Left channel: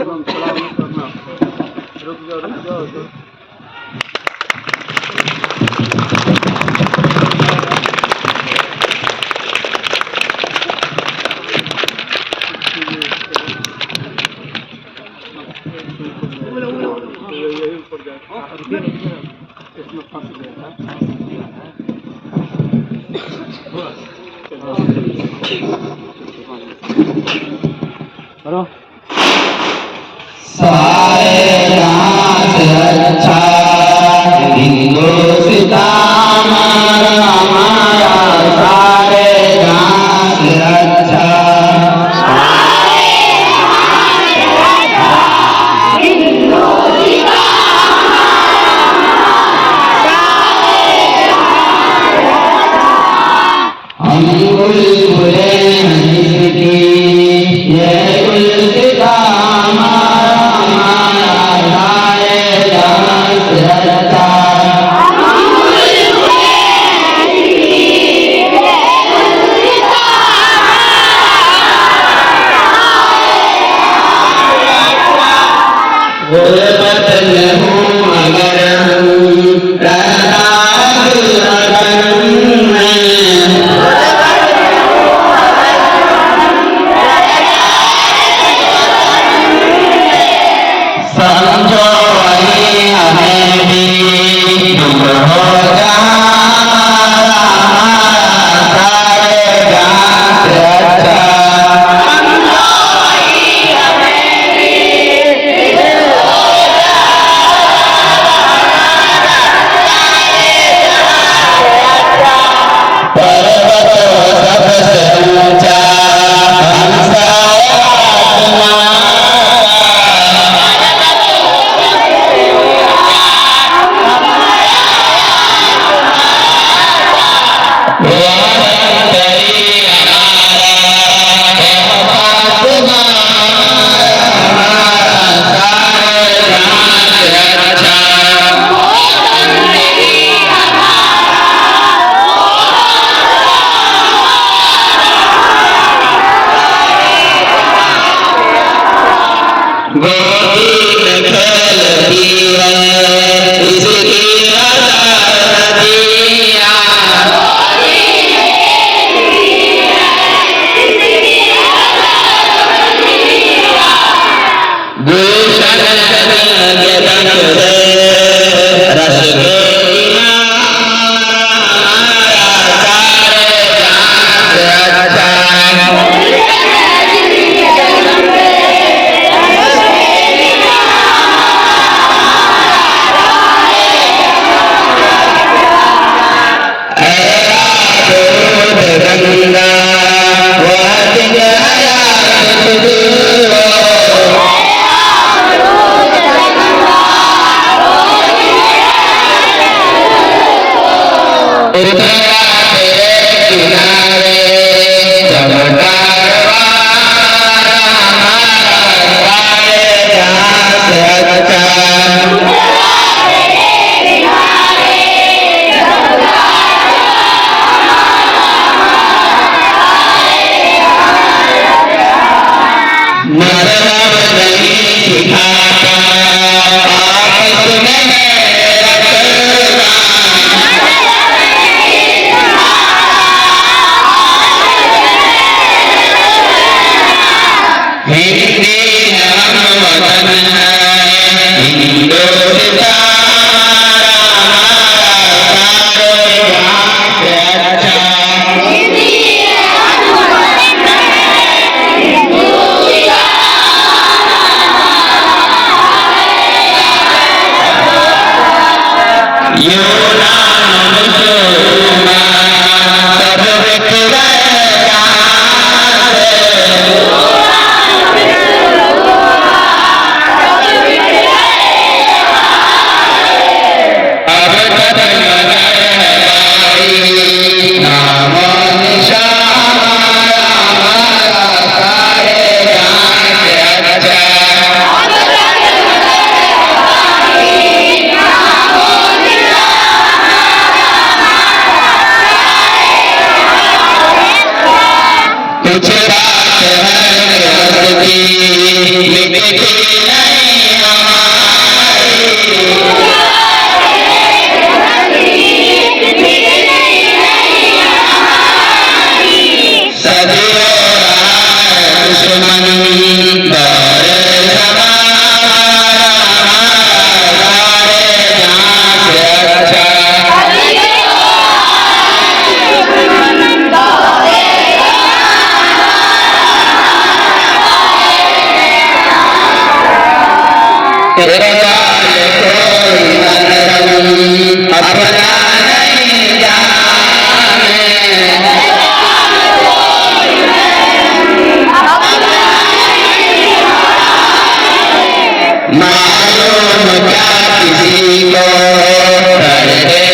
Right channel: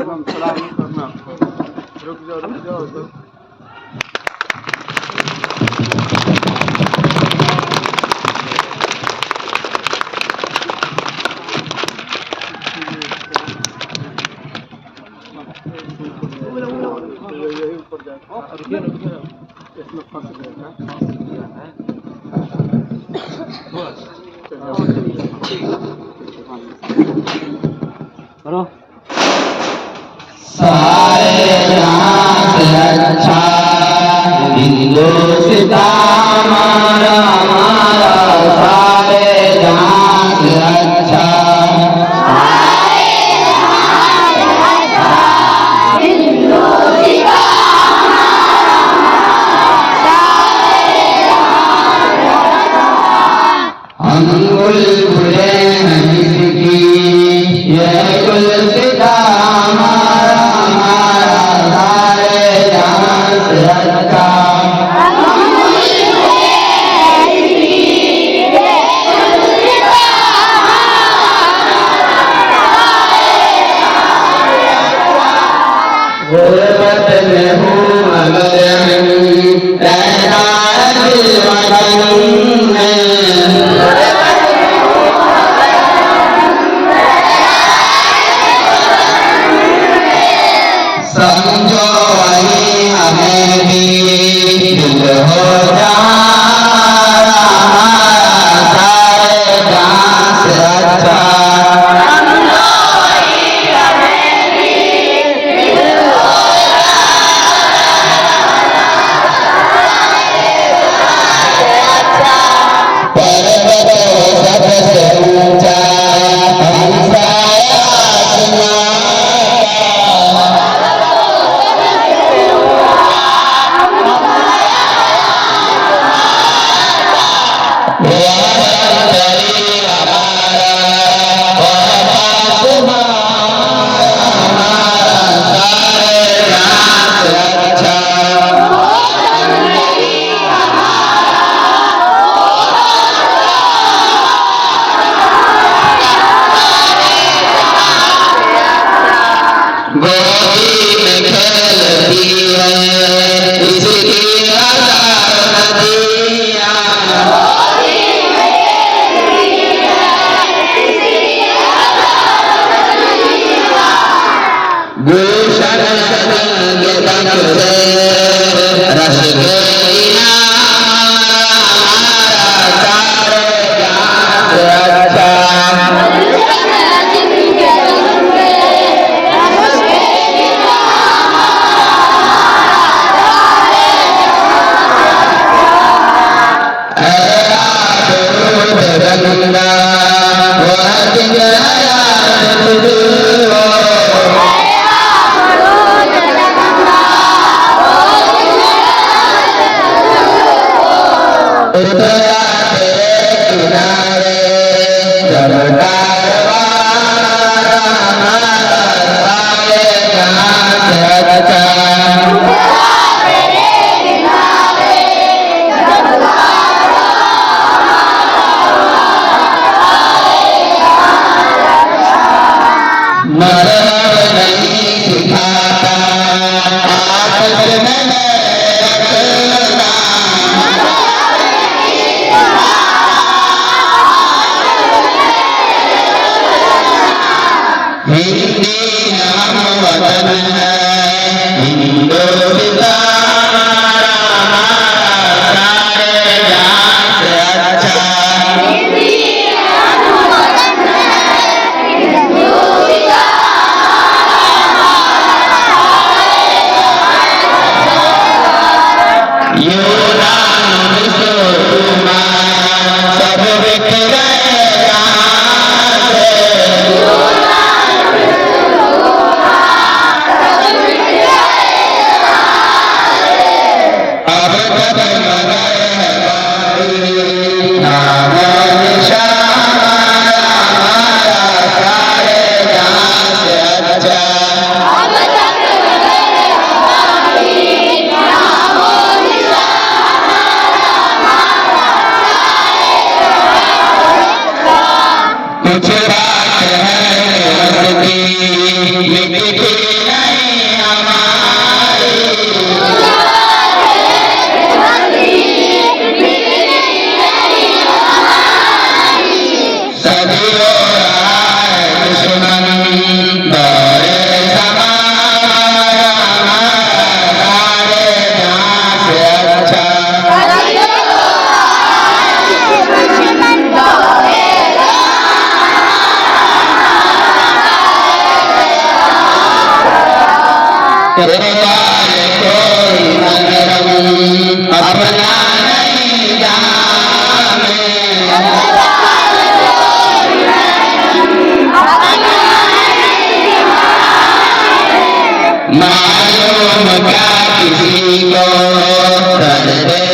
सलाम नहीं करना। रुक जाओ तो। इसमें फंस गया था। सारे रात अच्छा हिंदुस्तान हमारा सारे रात अच्छा हम बुलबुले हैं इसकी ये गुलसिता गुलबत में हूँ मगर रहता है वतन में समझो वही हमें भी दूर हो जाना सारे गाँव से अच्छा गोदी में खेलती है इसकी नदियाँ गुलशन के तन से रसगुल्ला सारे जान से अच्छा गंगा हिंदी हम वतन है हिंदुस्तान हमारा सारे जहां से अच्छा तेरे लाल कोई मरहम अपना नहीं जाने मालूम क्या किसी को कर दे